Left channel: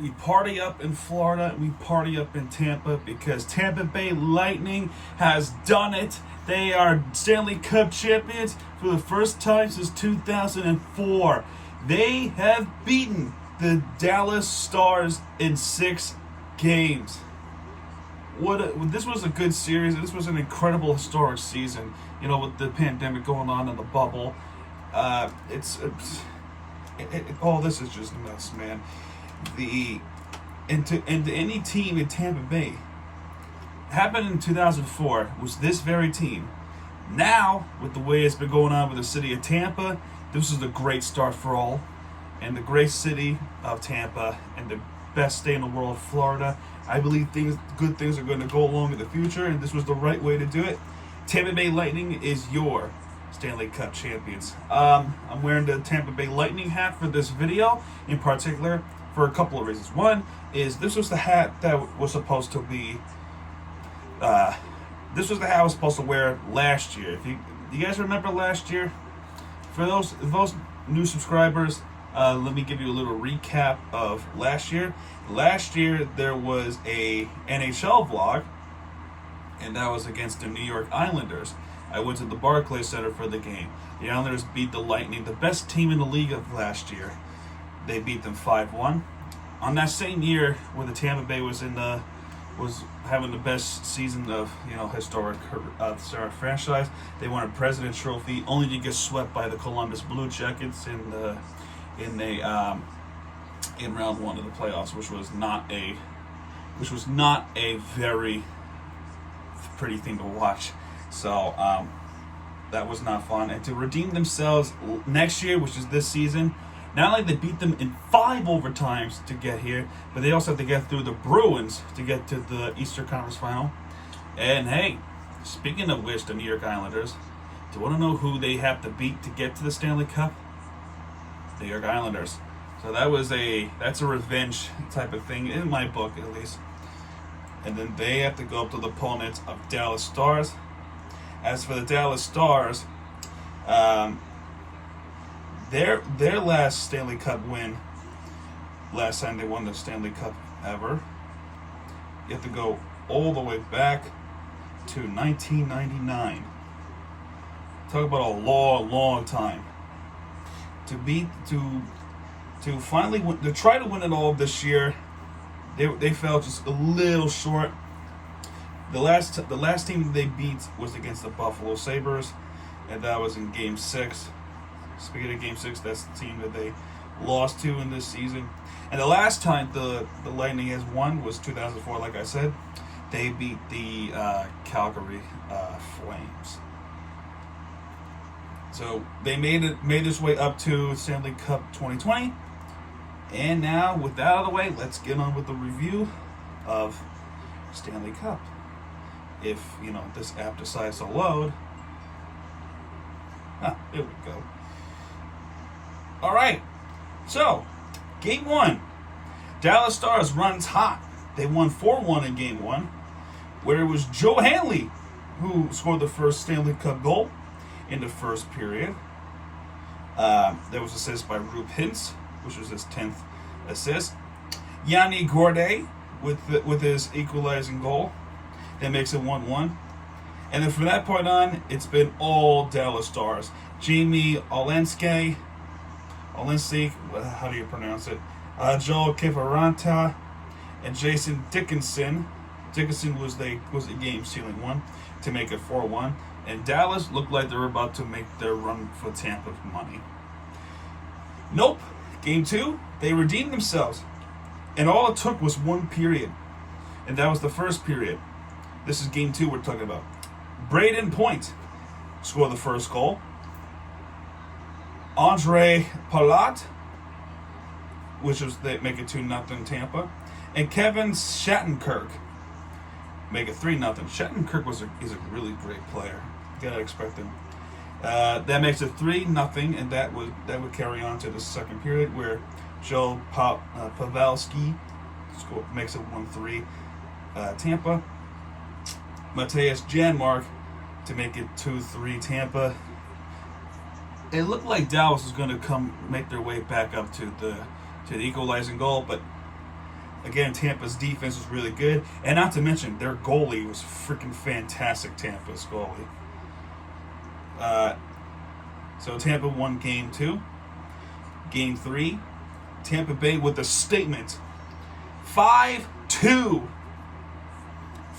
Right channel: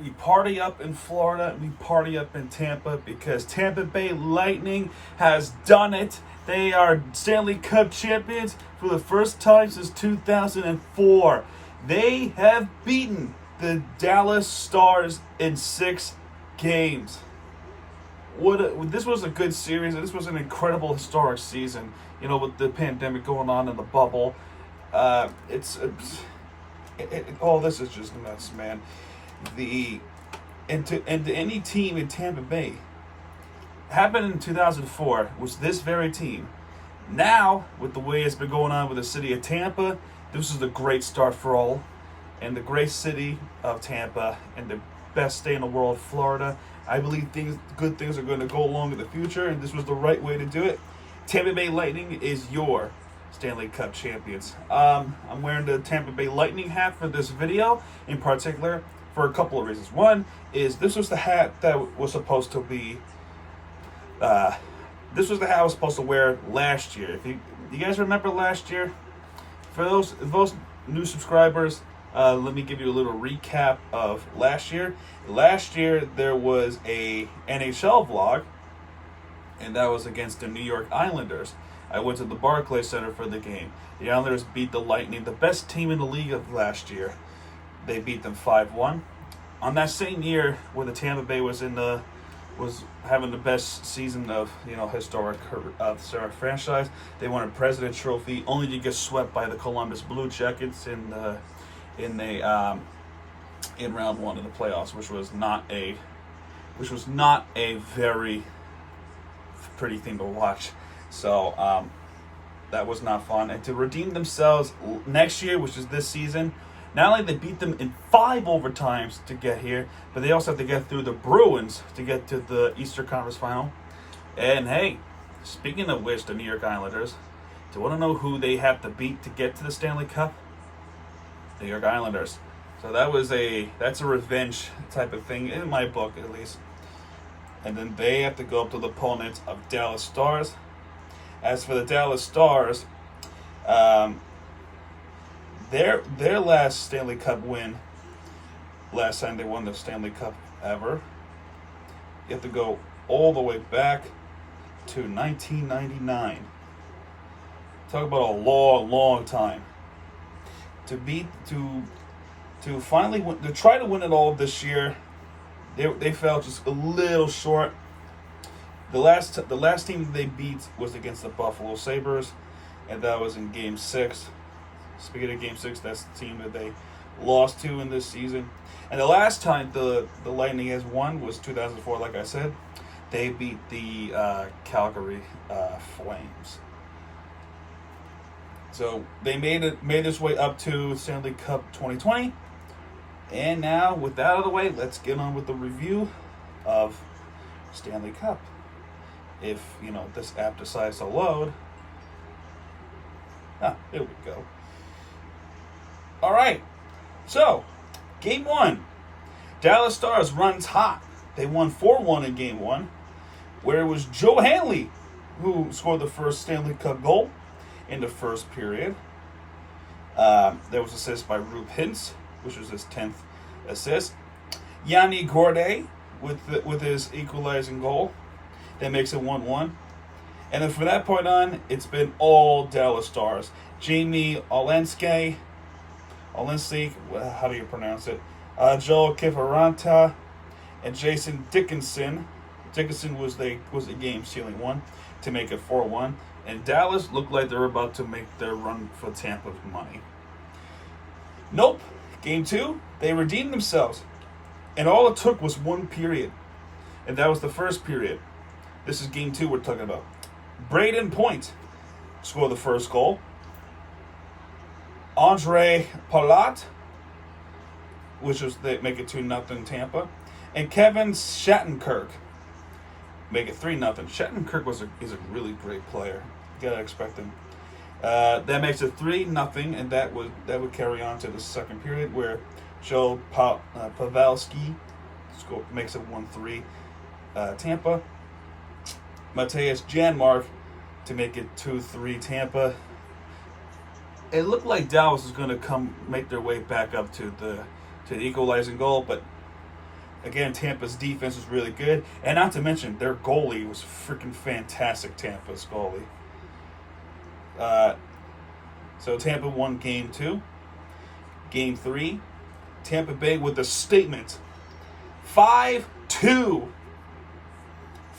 we party up in Florida, we party up in Tampa because Tampa Bay Lightning has done it. They are Stanley Cup champions for the first time since 2004. They have beaten the Dallas Stars in 6 games. This was a good series. This was an incredible historic season. You know, with the pandemic going on in the bubble, this is just nuts, man. And to any team in Tampa Bay happened in 2004 was this very team. Now, with the way it's been going on with the city of Tampa, this is a great start for all, and the great city of Tampa and the best state in the world, Florida. I believe good things are going to go along in the future, and this was the right way to do it. Tampa Bay Lightning is your Stanley Cup champions. I'm wearing the Tampa Bay Lightning hat for this video, in particular for a couple of reasons. One is this was the hat that was supposed to be. This was the hat I was supposed to wear last year. If you guys remember last year, for those new subscribers, let me give you a little recap of last year. Last year there was a NHL vlog, and that was against the New York Islanders. I went to the Barclays Center for the game. The Islanders beat the Lightning, the best team in the league of last year. They beat them 5-1. On that same year, when the Tampa Bay was having the best season of historic franchise, they won a President's Trophy, only to get swept by the Columbus Blue Jackets in round one of the playoffs, which was not a very pretty thing to watch. So that was not fun. And to redeem themselves next year, which is this season, not only they beat them in 5 overtimes to get here, but they also have to get through the Bruins to get to the Eastern Conference Final. And hey, speaking of which, the New York Islanders, do you want to know who they have to beat to get to the Stanley Cup? The New York Islanders. So that's a revenge type of thing, in my book at least. And then they have to go up to the opponents of Dallas Stars. As for the Dallas Stars, their last Stanley Cup win, last time they won the Stanley Cup ever, you have to go all the way back to 1999. Talk about a long time. To finally win, to try to win it all this year, they fell just a little short. The last team they beat was against the Buffalo Sabres, and that was in Game 6. Speaking of Game 6, that's the team that they lost to in this season. And the last time the Lightning has won was 2004, like I said. They beat the Calgary Flames. So they made its way up to Stanley Cup 2020. And now, with that out of the way, let's get on with the review of Stanley Cup. If, this app decides to load. There we go. All right. So, Game 1. Dallas Stars runs hot. They won 4-1 in Game 1, where it was Joe Hanley who scored the first Stanley Cup goal in the first period. There was assist by Roope Hintz, which was his 10th assist. Yanni Gourde with his equalizing goal. That makes it 1-1. And then from that point on, it's been all Dallas Stars. Jamie Olenek, how do you pronounce it? Joel Kiviranta and Jason Dickinson. Dickinson was a game-sealing one to make it 4-1. And Dallas looked like they were about to make their run for Tampa money. Nope. Game 2, they redeemed themselves. And all it took was 1 period. And that was the first period. This is Game 2 we're talking about. Brayden Point scored the first goal. Andre Palat, which was they make it 2-0 Tampa. And Kevin Shattenkirk make it 3-0. Shattenkirk is a really great player. You gotta expect him. That makes it 3-0, and that would carry on to the second period where Joe Pavelski makes it 1-3 Tampa. Matthias Janmark to make it 2-3 Tampa. It looked like Dallas was going to make their way back up to the equalizing goal, but Again, Tampa's defense was really good, and not to mention their goalie was freaking fantastic. Tampa's goalie. So Tampa won Game 2. Game 3, Tampa Bay with a statement. 5-2.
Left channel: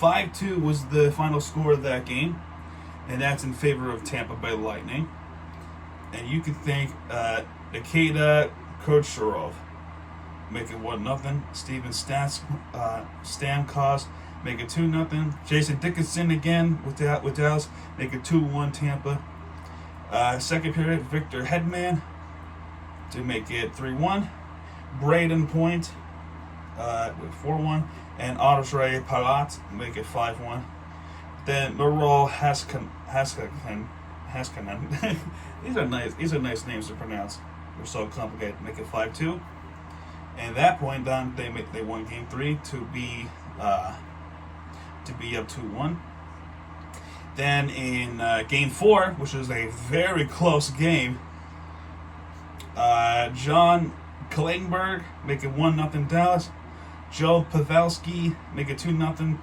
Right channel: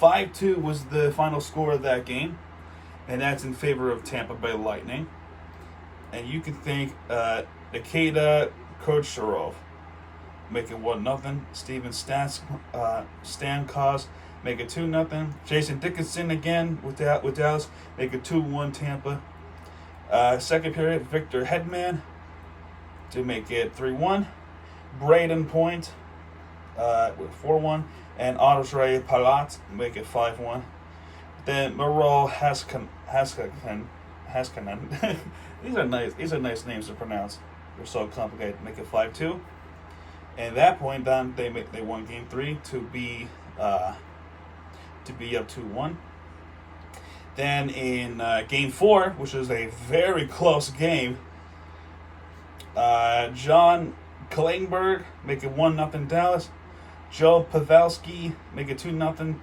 5-2 was the final score of that game, and that's in favor of Tampa Bay Lightning. And you could think Nikita Kucherov make it 1-0. Steven Stamkos make it 2-0. Jason Dickinson again with Dallas make it 2-1 Tampa. Second period, Victor Hedman to make it 3-1. Braden Point with 4-1, and Ondrej Palat make it 5-1. Then Miro Haskinen. These are nice names to pronounce. They're so complicated. Make it 5-2. And at that point, then they won Game 3 to be up 2-1. Then in Game 4, which was a very close game, John Klingberg make it 1-0 Dallas. Joe Pavelski make it 2-0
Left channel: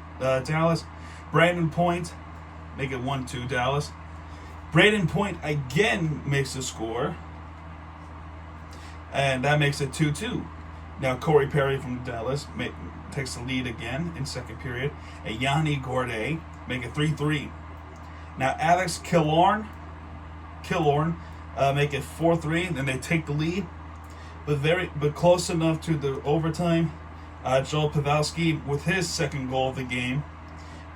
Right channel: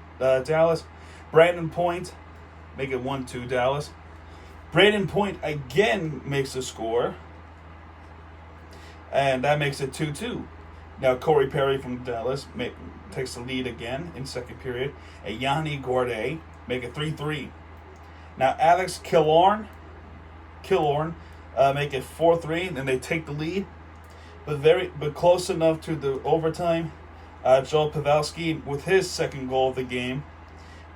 Dallas. Brandon Point make it 1-2 Dallas. Brandon Point again makes the score, and that makes it 2-2. Now Corey Perry from Dallas takes the lead again in second period, and Yanni Gourde make it 3-3. Now Alex Killorn make it 4-3, then they take the lead, but close enough to the overtime. Joel Pavelski with his second goal of the game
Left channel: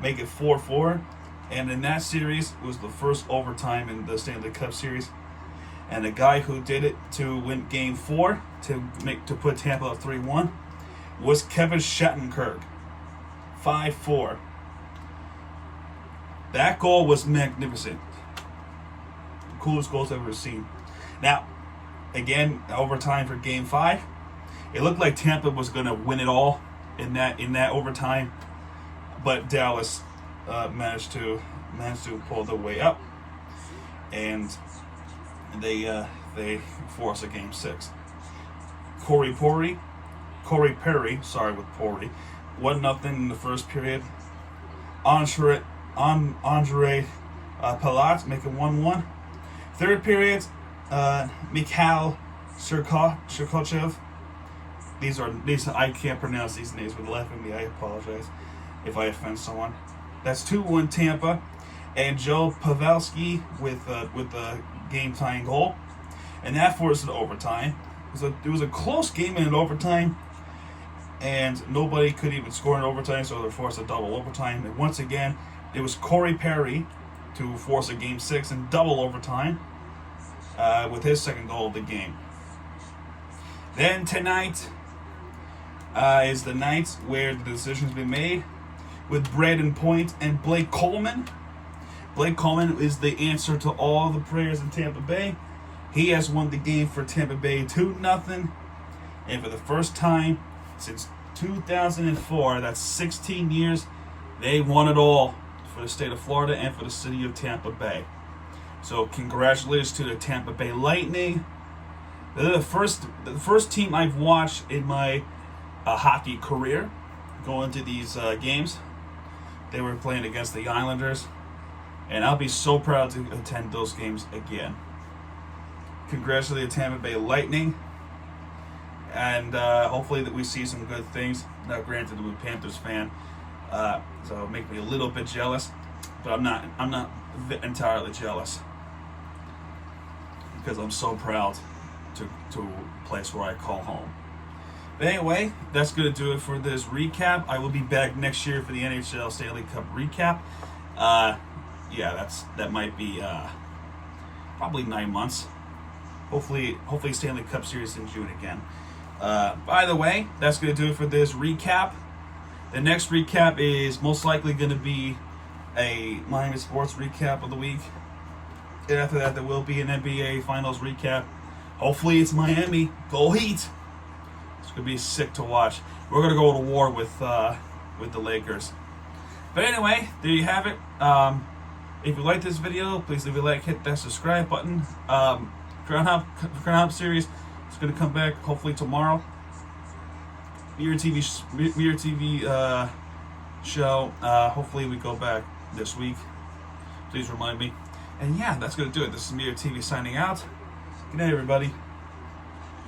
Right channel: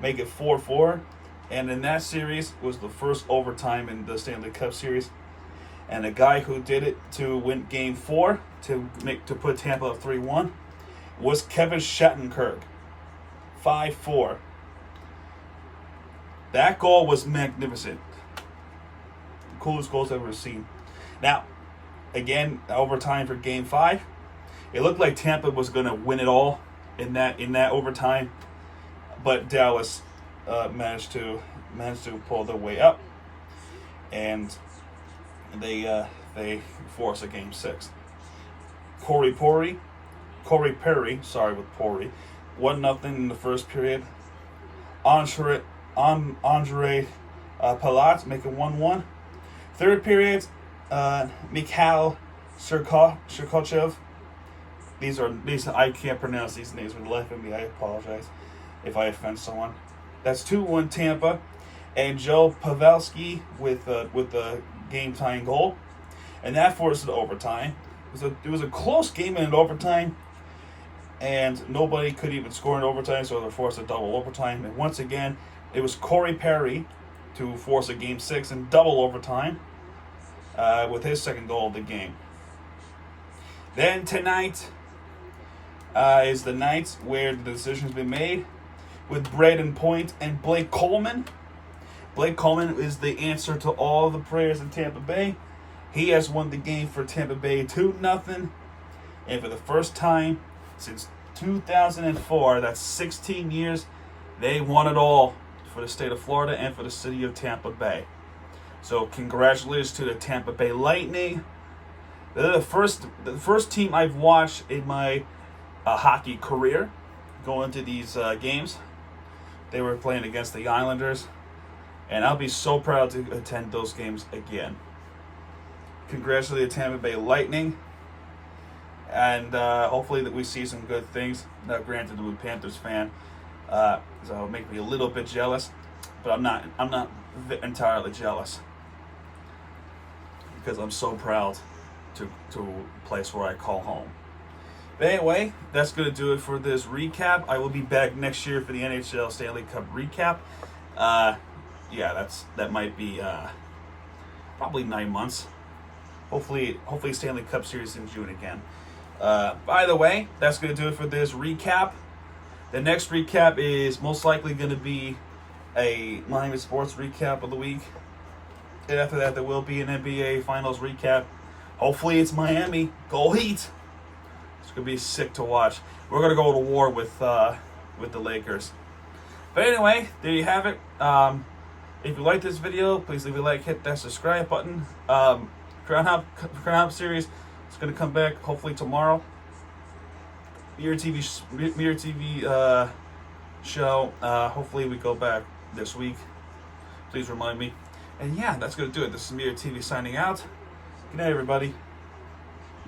make it 4-4, and in that series was the first overtime in the Stanley Cup Series, and the guy who did it to win Game 4 to put Tampa up 3-1 was Kevin Shattenkirk. 5-4. That goal was magnificent. The coolest goals I've ever seen. Now, again, overtime for Game 5. It looked like Tampa was going to win it all in that overtime, but Dallas managed to pull their way up, and they forced a Game 6. Corey Perry, with Pori, 1-0 in the first period. Ondrej Palat make it 1-1. Third period, Mikhail Sergachev. These I can't pronounce these names for the life of me. I apologize if I offend someone. That's 2-1 Tampa, and Joe Pavelski with the game-tying goal, and that forced it overtime. It was a close game in overtime, and nobody could even score in overtime, so they forced a double overtime. And once again, it was Corey Perry to force a Game 6 in double overtime with his second goal of the game. Then tonight is the night where the decision's been made with Braden Point and Blake Coleman. Blake Coleman is the answer to all the prayers in Tampa Bay. He has won the game for Tampa Bay 2-0, and for the first time since 2004, that's 16 years, they won it all for the state of Florida and for the city of Tampa Bay. So congratulations to the Tampa Bay Lightning. They're the first team I've watched in my hockey career go into these games. They were playing against the Islanders, and I'll be so proud to attend those games again. Congratulations to the Tampa Bay Lightning, and hopefully that we see some good things. Now, granted, I'm a Panthers fan, so it'll make me a little bit jealous, but I'm not entirely jealous because I'm so proud to a place where I call home. But anyway, that's going to do it for this recap. I will be back next year for the NHL Stanley Cup recap. That might be probably 9 months. Hopefully Stanley Cup Series in June again. By the way, that's going to do it for this recap. The next recap is most likely going to be a Miami Sports recap of the week. And after that, there will be an NBA Finals recap. Hopefully it's Miami. Go Heat! It's going to be sick to watch. We're going to go to war with the Lakers. But anyway, there you have it. If you like this video, please leave a like, hit that subscribe button. Crown Hop series is going to come back hopefully tomorrow. Mirror TV show. Hopefully we go back this week. Please remind me. And yeah, that's gonna do it. This is Mirror TV signing out. Good night, everybody.